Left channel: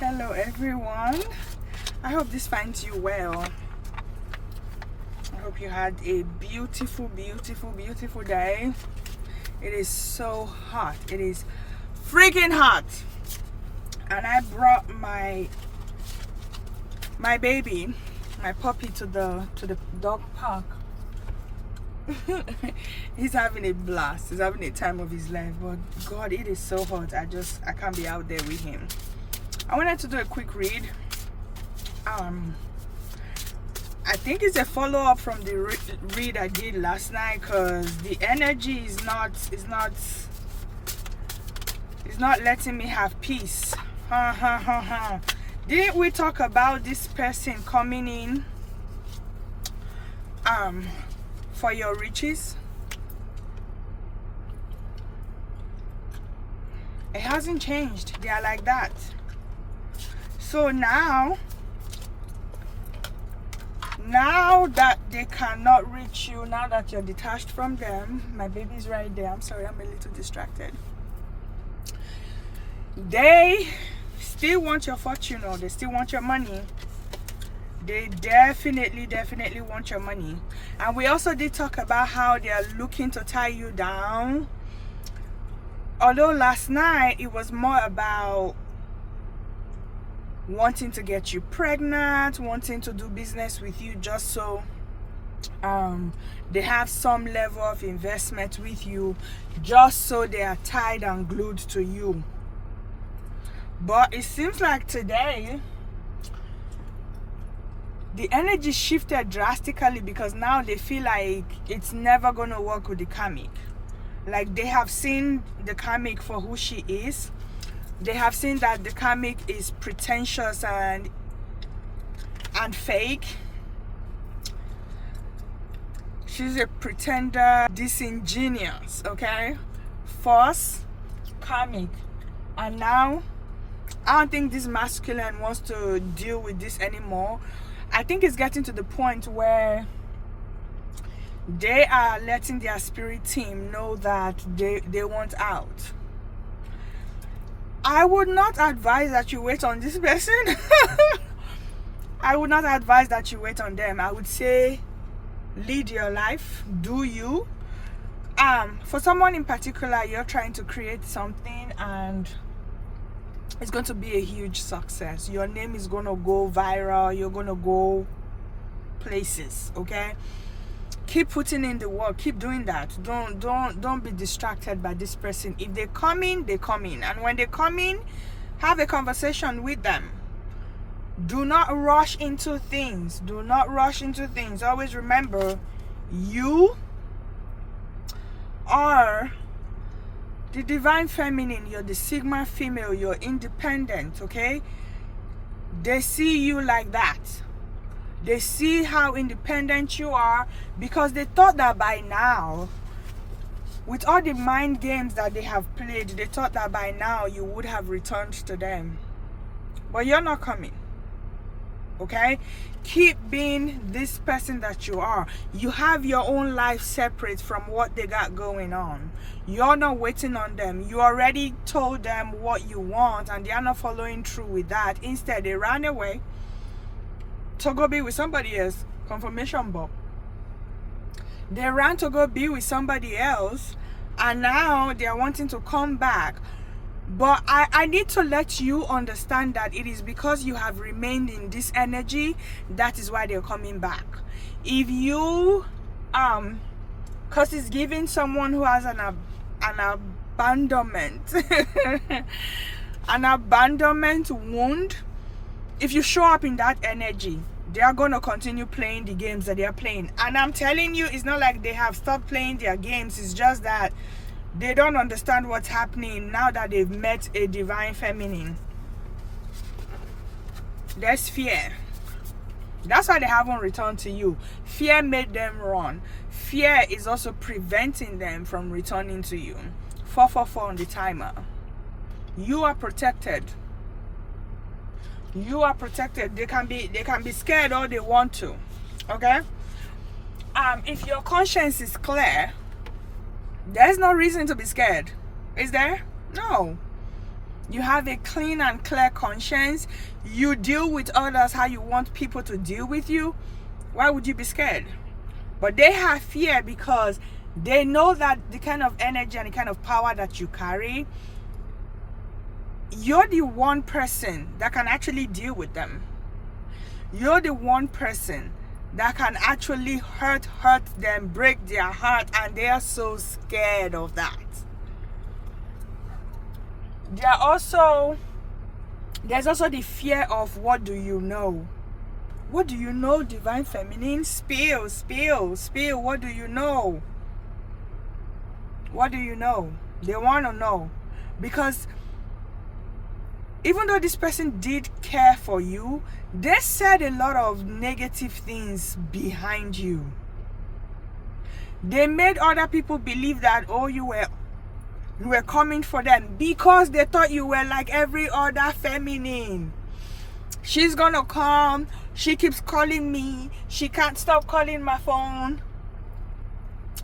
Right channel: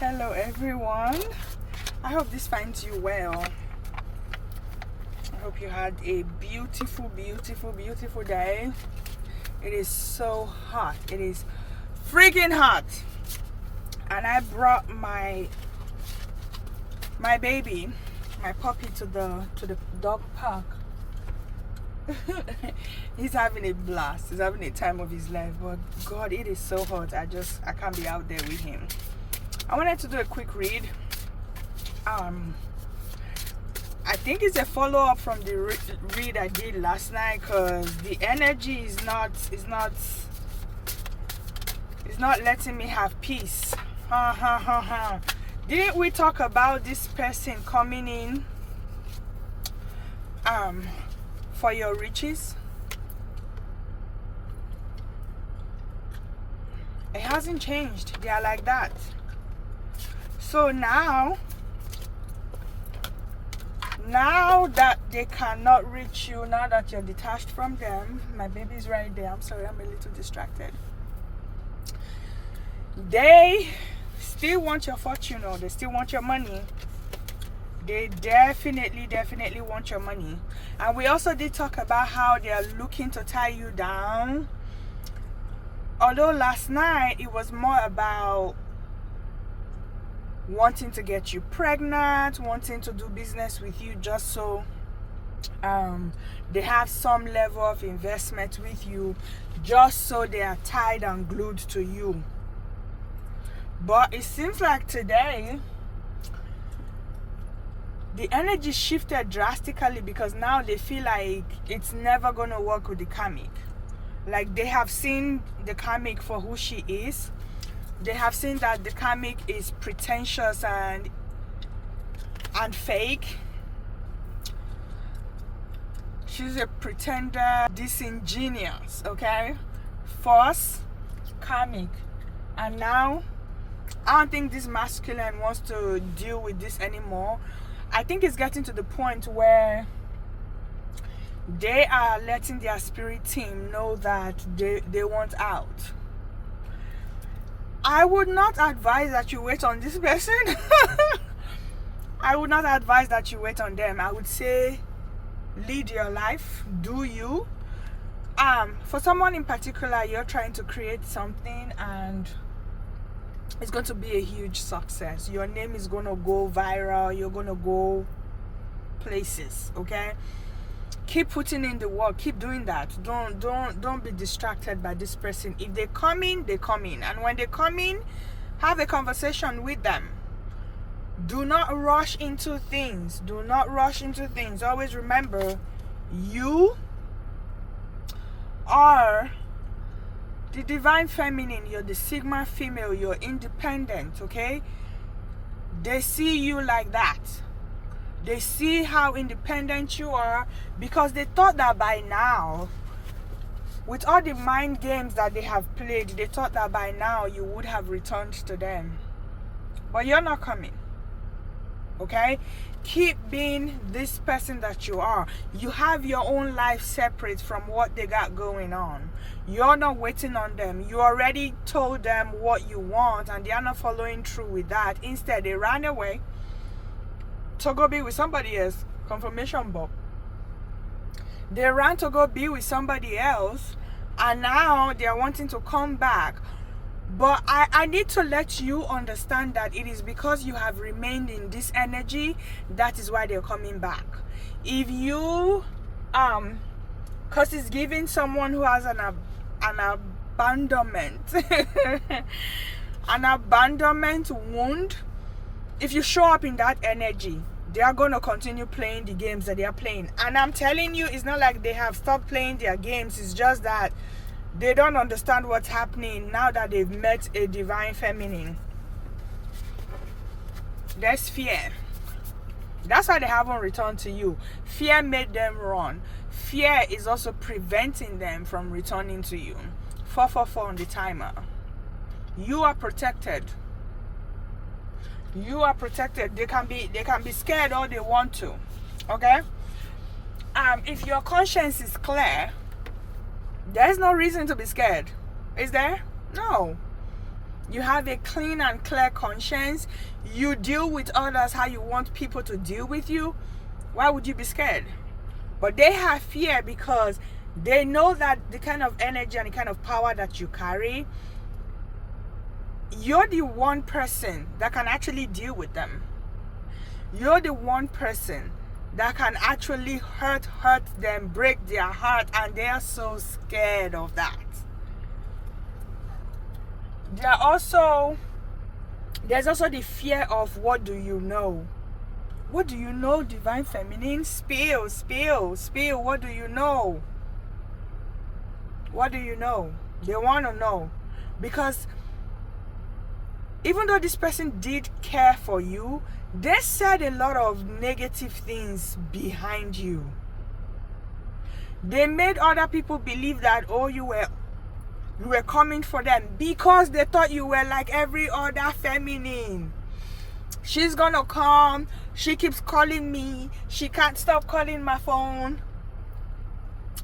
Hello everyone, I hope this finds you well. I hope you had a beautiful day. It is so hot, it is freaking hot, and I brought my baby, my puppy, to the dog park. He's having a blast, he's having a time of his life, but God, it is so hot. I can't be out there with him. I wanted to do a quick read. I think it's a follow-up from the read I did last night, because the energy is not letting me have peace. Didn't we talk about this person coming in for your riches? It hasn't changed. They are like that. So now that they cannot reach you, now that you're detached from them, my baby's right there. I'm sorry, I'm a little distracted. They still want your fortune, or they still want your money. They definitely want your money. And we also did talk about how they are looking to tie you down. Although last night it was more about wanting to get you pregnant, wanting to do business with you just so they have some level of investment with you, just so they are tied and glued to you. But it seems like today the energy shifted drastically, because now they feel like it's never going to work with the karmic. Like, they have seen the karmic for who she is. They have seen that the karmic is pretentious and fake. She's a pretender, disingenuous, okay? False, karmic. And now, I don't think this masculine wants to deal with this anymore. I think it's getting to the point where they are letting their spirit team know that they want out. I would not advise that you wait on this person. I would not advise that you wait on them. I would say lead your life, do you. For someone in particular, you're trying to create something and it's going to be a huge success. Your name is going to go viral. You're going to go places, okay? Keep putting in the work. Keep doing that. Don't be distracted by this person. If they come in, they come in. And when they come in, have a conversation with them. Do not rush into things. Do not rush into things. Always remember, you are the divine feminine. You're the Sigma female. You're independent, okay? They see you like that. They see how independent you are, because they thought that by now, with all the mind games that they have played, they thought that by now you would have returned to them. But you're not coming, okay? Keep being this person that you are. You have your own life separate from what they got going on. You're not waiting on them. You already told them what you want and they are not following through with that. Instead, they ran away to go be with somebody else. Confirmation Bob. They ran to go be with somebody else, and now they are wanting to come back. But I need to let you understand that it is because you have remained in this energy, that is why they're coming back. If you because it's giving someone who has an abandonment an abandonment wound. If you show up in that energy, they are going to continue playing the games that they are playing. And I'm telling you, it's not like they have stopped playing their games. It's just that they don't understand what's happening now that they've met a divine feminine. There's fear. That's why they haven't returned to you. Fear made them run. Fear is also preventing them from returning to you. 444 on the timer. You are protected. You are protected. They can be scared all they want to. Okay? If your conscience is clear, there's no reason to be scared. Is there? No. You have a clean and clear conscience. You deal with others how you want people to deal with you. Why would you be scared? But they have fear because they know that the kind of energy and the kind of power that you carry, you're the one person that can actually deal with them. You're the one person that can actually hurt them, break their heart, and they are so scared of that. There's also the fear of what do you know? What do you know, Divine Feminine? Spill. What do you know? What do you know? They want to know. Because even though this person did care for you, they said a lot of negative things behind you. They made other people believe that, oh, you were coming for them because they thought you were like every other feminine. She's gonna come. She keeps calling me. She can't stop calling my phone.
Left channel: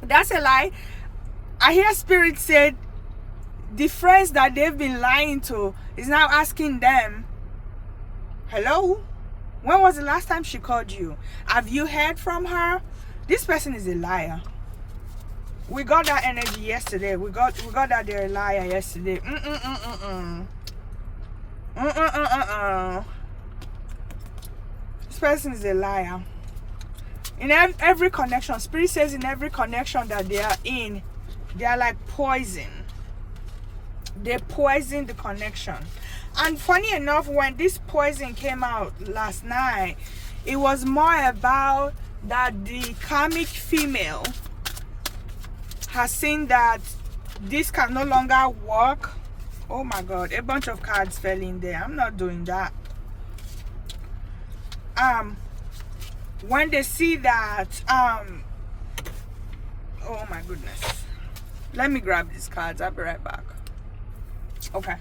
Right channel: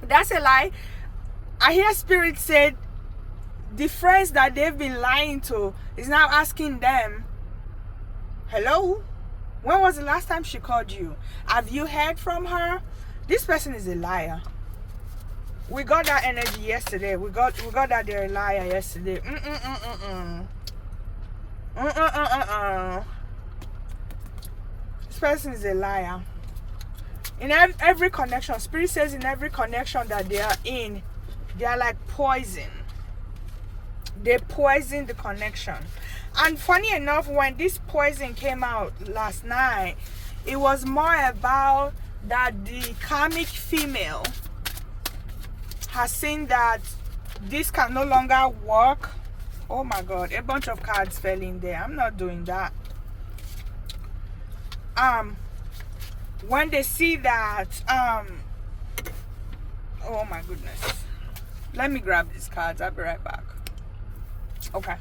That's a lie. I hear Spirit said the friends that they've been lying to is now asking them, hello? When was the last time she called you? Have you heard from her? This person is a liar. We got that energy yesterday. We got that they're a liar yesterday. This person is a liar. In every connection, Spirit says in every connection that they are in, they are like poison. They poison the connection. And funny enough, when this poison came out last night, it was more about that the karmic female has seen that this can no longer work. Oh my God, a bunch of cards fell in there. I'm not doing that. When they see that, oh my goodness. Let me grab these cards. I'll be right back. Okay.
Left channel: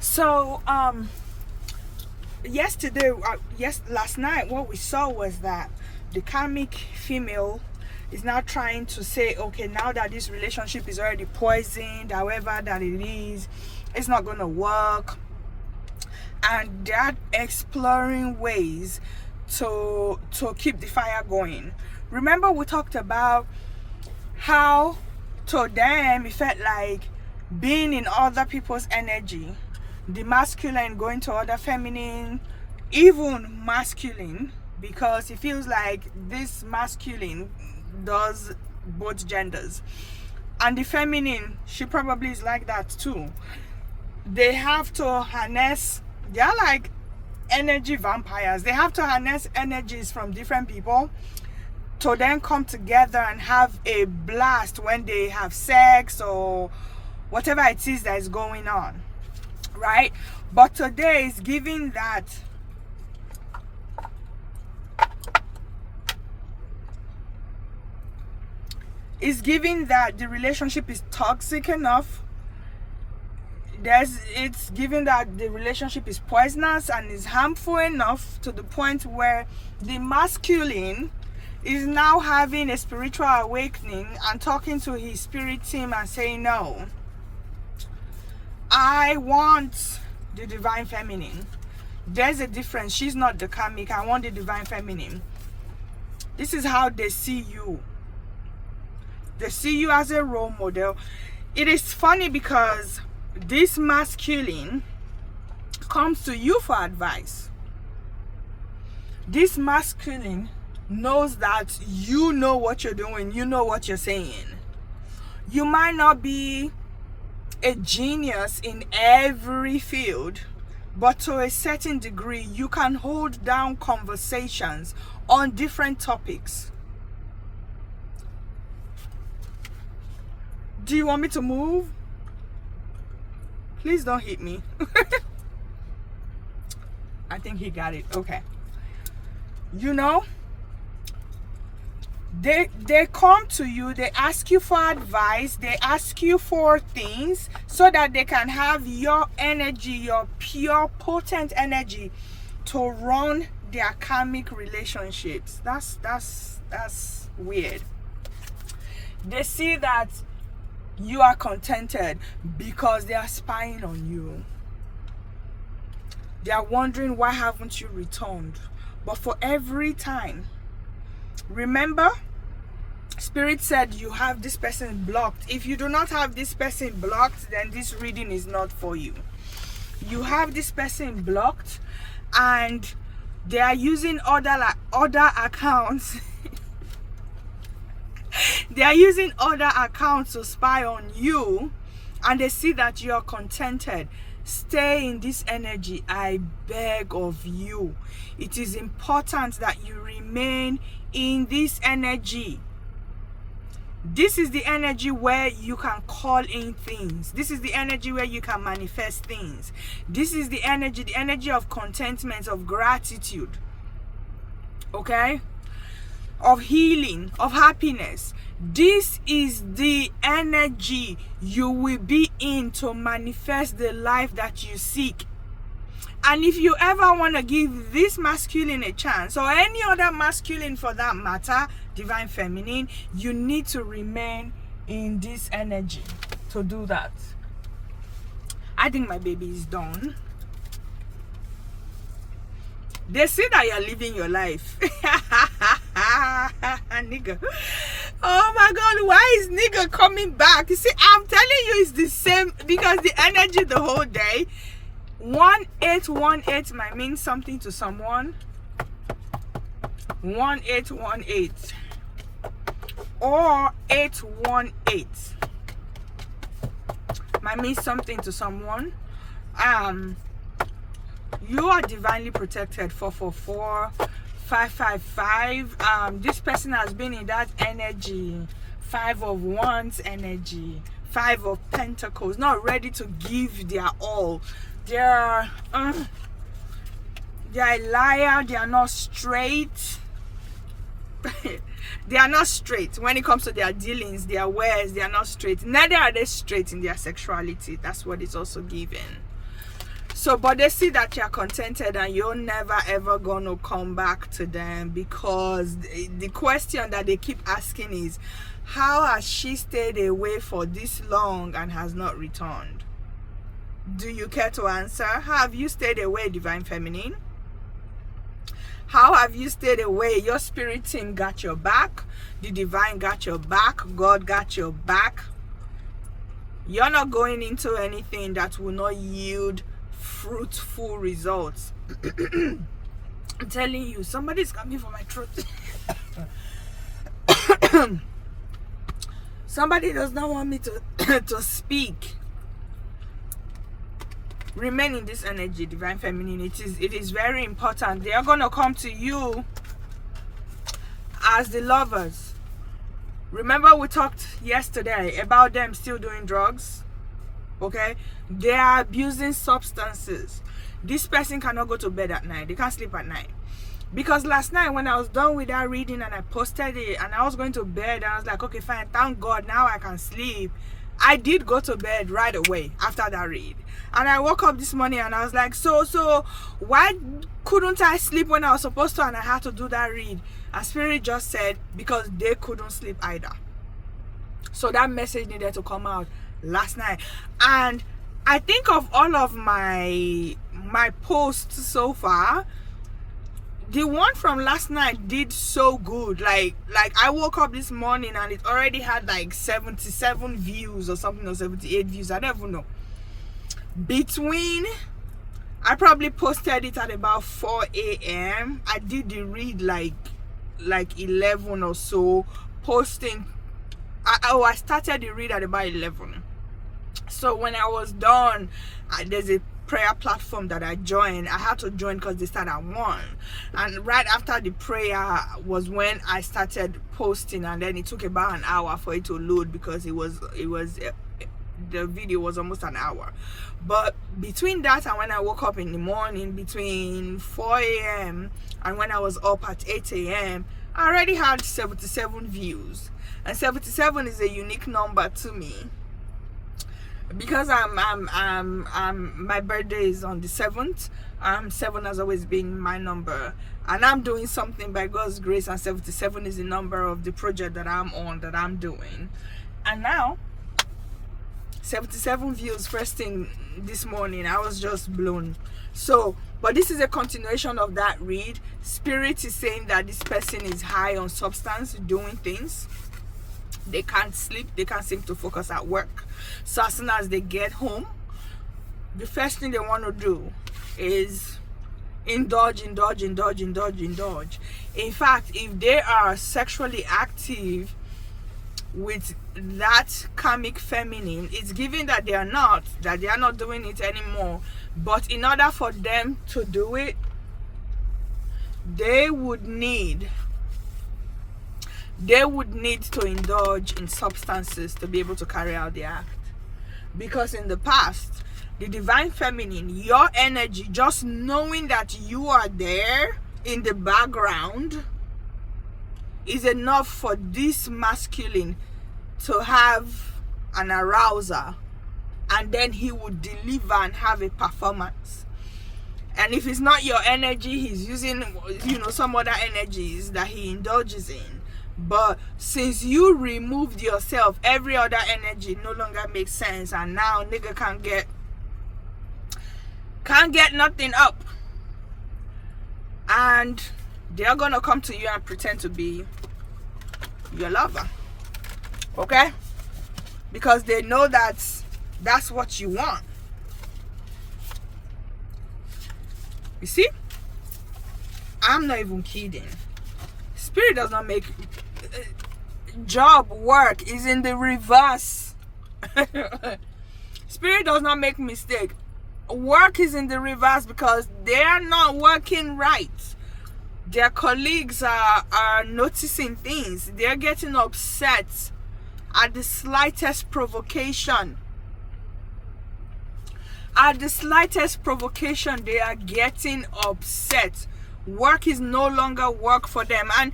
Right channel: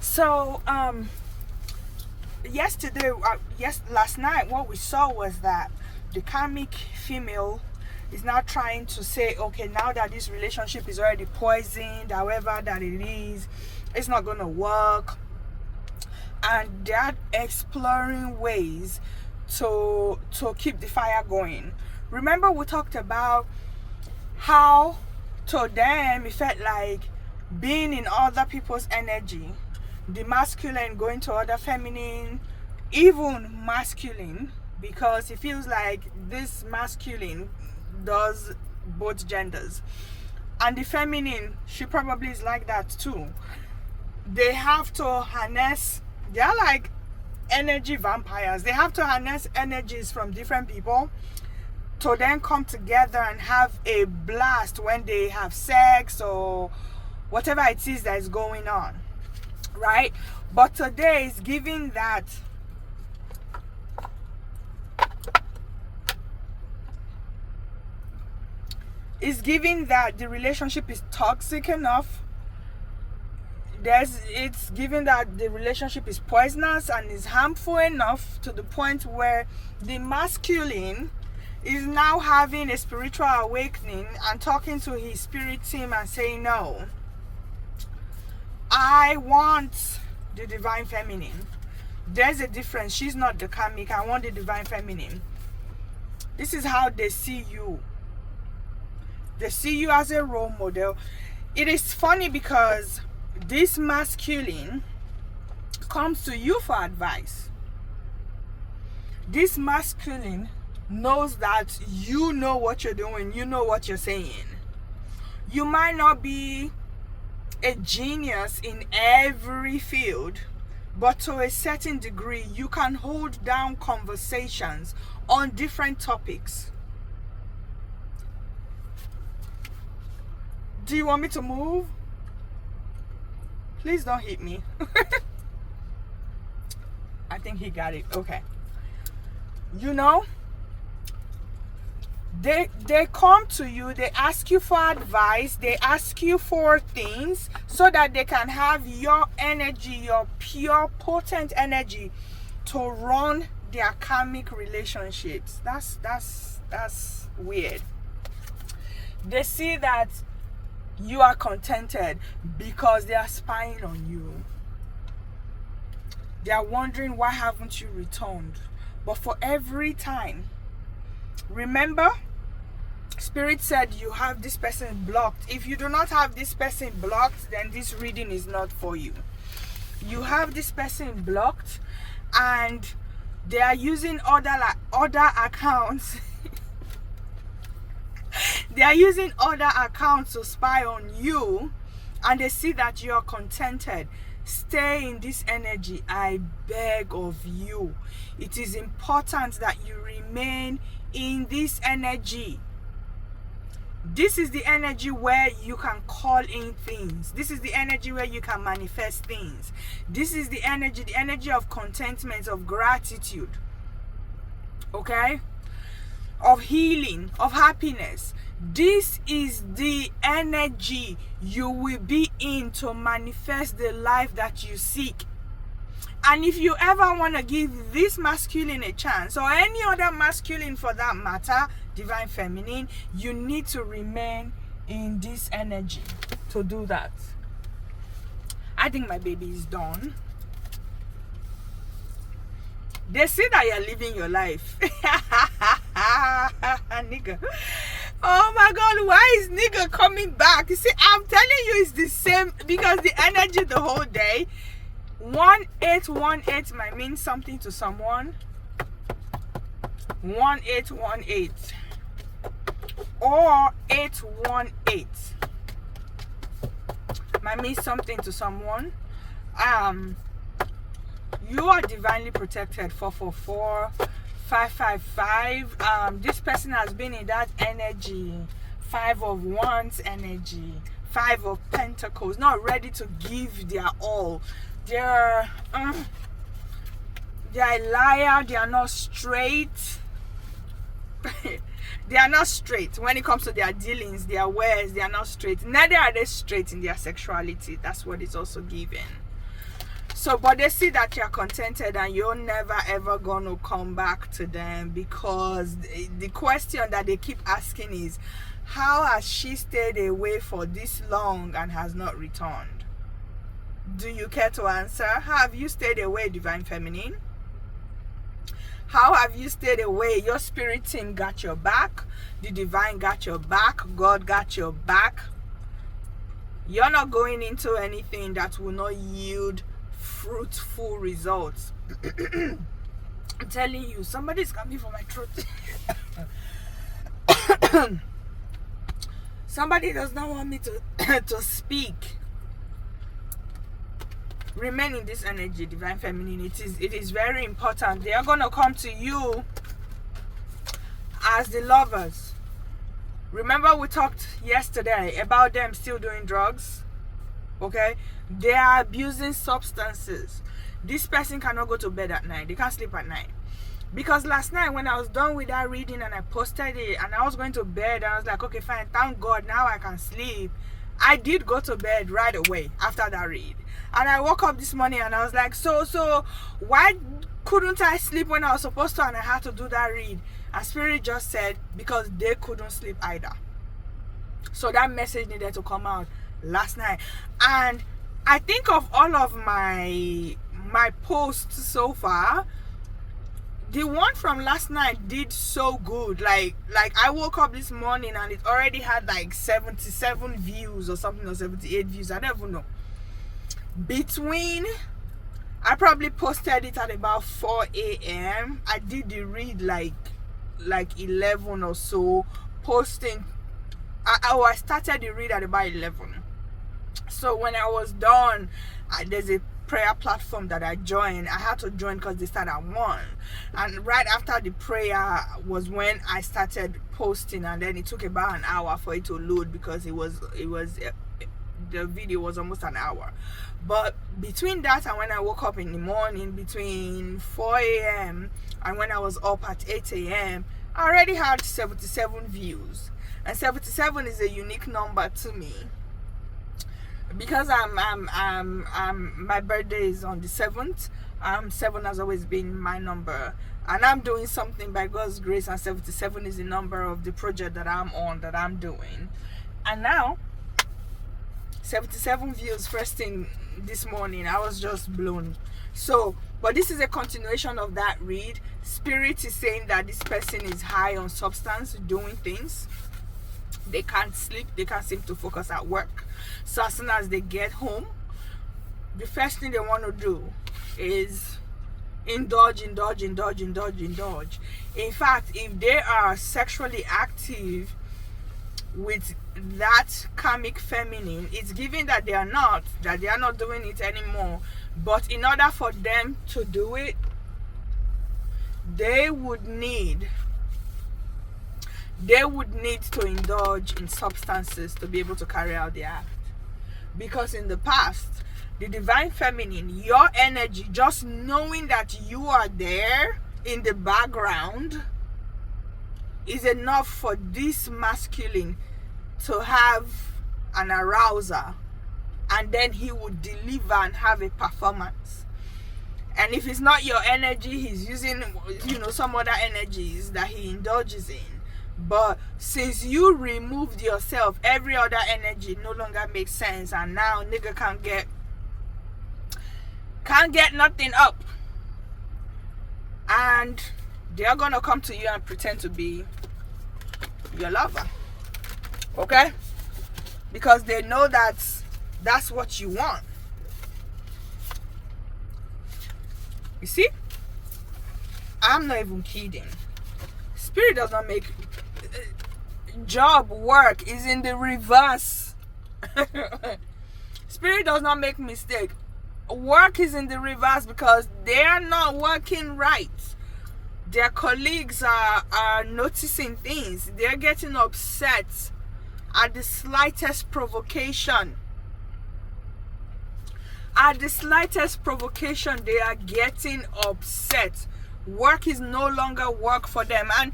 So, last night, what we saw was that the karmic female is now trying to say, okay, now that this relationship is already poisoned, however that it is, it's not going to work. And they're exploring ways to keep the fire going. Remember, we talked about how to them it felt like being in other people's energy, the masculine going to other feminine, even masculine, because it feels like this masculine does both genders, and the feminine, she probably is like that too. They have to harness, they're like energy vampires. They have to harness energies from different people to then come together and have a blast when they have sex or whatever it is that is going on, right? But today is giving that the relationship is toxic enough. It's given that the relationship is poisonous and is harmful enough to the point where the masculine is now having a spiritual awakening and talking to his spirit team and saying, no, I want the divine feminine. There's a difference. She's not the karmic. I want the divine feminine. This is how they see you. They see you as a role model. It is funny because this masculine comes to you for advice. This masculine knows that you know what you're doing, you know what you're saying. You might not be a genius in every field, but to a certain degree, you can hold down conversations on different topics. Do you want me to move? Please don't hit me. I think he got it. Okay. You know, they come to you, they ask you for advice, they ask you for things so that they can have your energy, your pure, potent energy to run their karmic relationships. That's weird. They see that you are contented because they are spying on you. They are wondering, why haven't you returned? But for every time, remember, Spirit said you have this person blocked. If you do not have this person blocked, then this reading is not for you. You have this person blocked, and they are using other accounts. They are using other accounts to spy on you, and they see that you are contented. Stay in this energy, I beg of you. It is important that you remain in this energy. This is the energy where you can call in things. This is the energy where you can manifest things. This is the energy of contentment, of gratitude. Okay? Of healing, of happiness. This is the energy you will be in to manifest the life that you seek. And if you ever want to give this masculine a chance, or any other masculine for that matter, divine feminine, you need to remain in this energy to do that. I think my baby is done. They see that you're living your life. Nigga. Oh my God, why is nigga coming back? You see, I'm telling you, it's the same, because the energy the whole day. 1818 might mean something to someone. 1818 or 818 might mean something to someone. You are divinely protected. 444 555. This person has been in that energy. 5 of Wands energy, 5 of Pentacles, not ready to give their all. They're a liar. They are not straight. They are not straight when it comes to their dealings, their ways. They are not straight. Neither are they straight in their sexuality. That's what it's also given. So, but they see that you're contented, and you're never ever gonna come back to them, because the question that they keep asking is, how has she stayed away for this long and has not returned? Do you care to answer? How have you stayed away, divine feminine? How have you stayed away? Your spirit team got your back. The divine got your back. God got your back. You're not going into anything that will not yield fruitful results. I'm telling you, somebody's coming for my throat. Somebody does not want me to speak. Remain in this energy, divine feminine. It is very important. They are going to come to you as the lovers. Remember, we talked yesterday about them still doing drugs. Okay, they are abusing substances. This person cannot go to bed at night. They can't sleep at night. Because last night when I was done with that reading and I posted it and I was going to bed, I was like, okay, fine, thank God, now I can sleep. I did go to bed right away after that read. And I woke up this morning and I was like, so why couldn't I sleep when I was supposed to, and I had to do that read? And Spirit just said, because they couldn't sleep either. So that message needed to come out last night. And I think of all of my posts so far, the one from last night did so good. Like I woke up this morning and it already had like 77 views or something, or 78 views, I don't even know. I probably posted it at about 4 a.m. I did the read like 11 or so, posting. I started the read at about 11. So when I was done, there's a prayer platform that I joined. I had to join because they start at 1, and right after the prayer was when I started posting, and then it took about an hour for it to load, because the video was almost an hour. But between that and when I woke up in the morning, between 4 a.m. and when I was up at 8 a.m., I already had 77 views. And 77 is a unique number to me, because my birthday is on the 7th. 7 has always been my number, and I'm doing something by God's grace, and 77 is the number of the project that I'm on, that I'm doing. And now 77 views first thing this morning. I was just blown. So, but this is a continuation of that read. Spirit is saying that this person is high on substance, doing things. They can't sleep. They can't seem to focus at work. So as soon as they get home, the first thing they want to do is indulge. In fact, if they are sexually active with that karmic feminine, it's given that they are not doing it anymore. But in order for them to do it, they would need to indulge in substances to be able to carry out the act. Because in the past, the divine feminine, your energy, just knowing that you are there in the background, is enough for this masculine to have an arouser, and then he would deliver and have a performance. And if it's not your energy, he's using, some other energies that he indulges in. But since you removed yourself, every other energy no longer makes sense, and now nigga can't get nothing up. And they're gonna come to you and pretend to be your lover. Okay? Because they know that's what you want. You see? I'm not even kidding. Spirit does not make job work is in the reverse. Spirit does not make mistake. Work is in the reverse because they are not working right. Their colleagues are noticing things. They're getting upset at the slightest provocation. At the slightest provocation, they are getting upset. Work is no longer work for them, and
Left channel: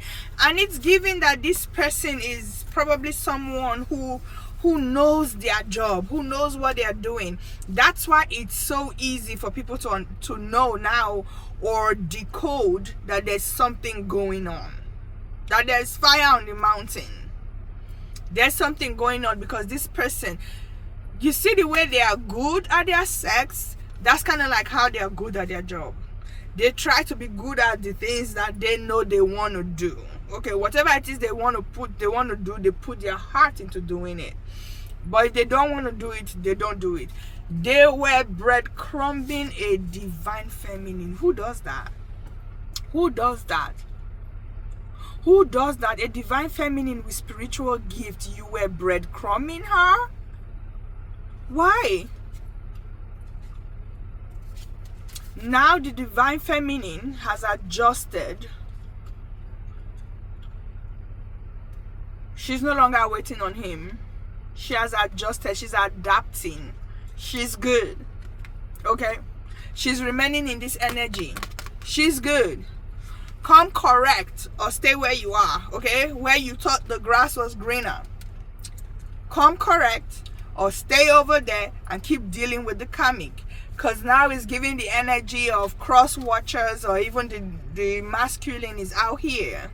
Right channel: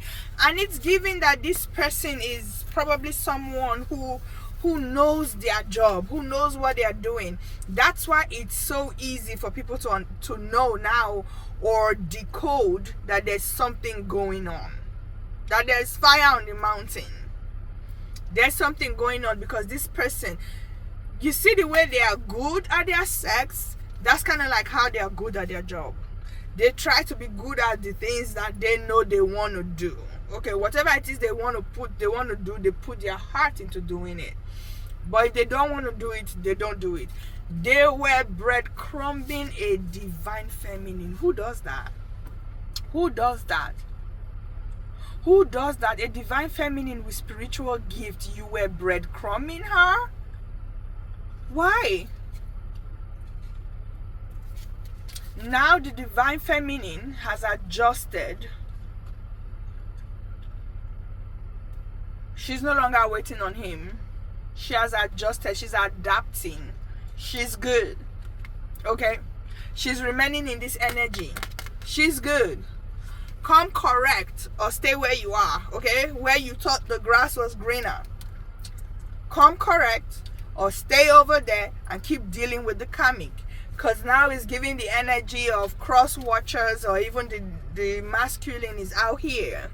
it's given that this person is probably someone who knows their job, who knows what they are doing. That's why it's so easy for people to know now or decode that there's something going on, that there's fire on the mountain. There's something going on because this person, you see the way they are good at their sex, that's kind of like how they are good at their job. They try to be good at the things that they know they want to do. Okay, whatever it is they want to do, they put their heart into doing it. But if they don't want to do it, they don't do it. They were breadcrumbing a divine feminine. Who does that? Who does that? Who does that? A divine feminine with spiritual gift. You were breadcrumbing her? Why? Now the divine feminine has adjusted. She's no longer waiting on him. She has adjusted. She's adapting. She's good. Okay? She's remaining in this energy. She's good. Come correct or stay where you are. Okay? Where you thought the grass was greener. Come correct or stay over there and keep dealing with the karmic. Because now it's giving the energy of cross watchers, or even the masculine is out here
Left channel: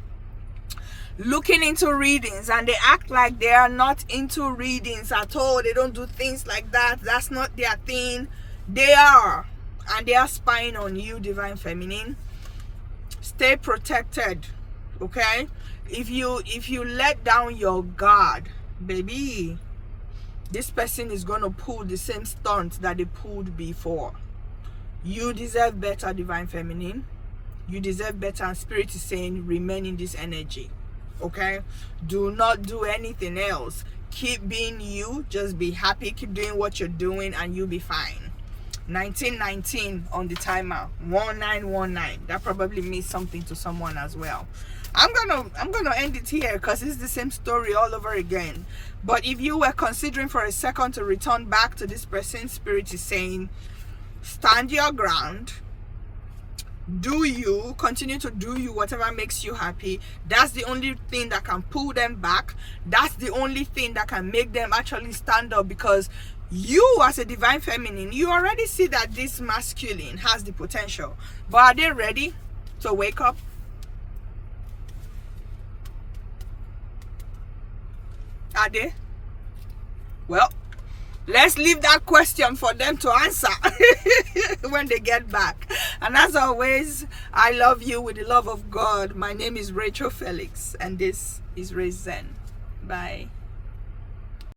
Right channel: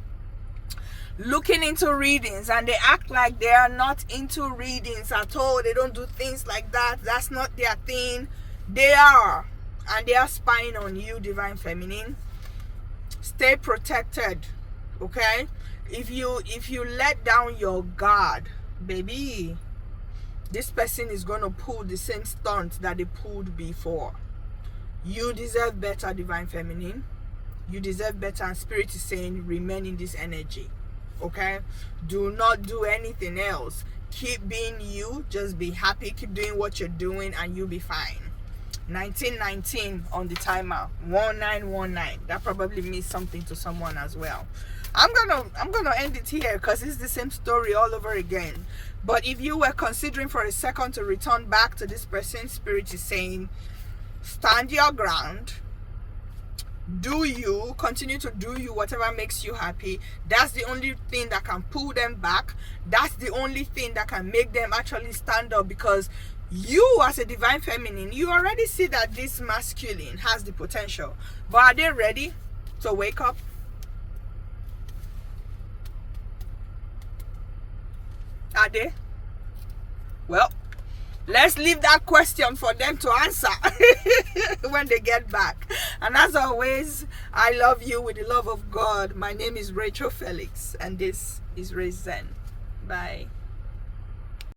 looking into readings, and they act like they are not into readings at all. They don't do things like that. That's not their thing. They are. And they are spying on you, divine feminine. Stay protected. Okay? If you let down your guard, baby, this person is going to pull the same stunt that they pulled before. You deserve better, divine feminine. You deserve better, and spirit is saying remain in this energy. Okay? Do not do anything else. Keep being you. Just be happy. Keep doing what you're doing and you'll be fine. 1919 on the timer. 1919. That probably means something to someone as well. I'm gonna end it here because it's the same story all over again. But if you were considering for a second to return back to this person, spirit is saying stand your ground. Do you continue to do you, whatever makes you happy. That's the only thing that can pull them back. That's the only thing that can make them actually stand up, because you as a divine feminine, you already see that this masculine has the potential. But are they ready to wake up? Are they? Well, Let's leave that question for them to answer when they get back. And as always, I love you with the love of God. My name is Rachel Felix, and this is Raise Zen. Bye.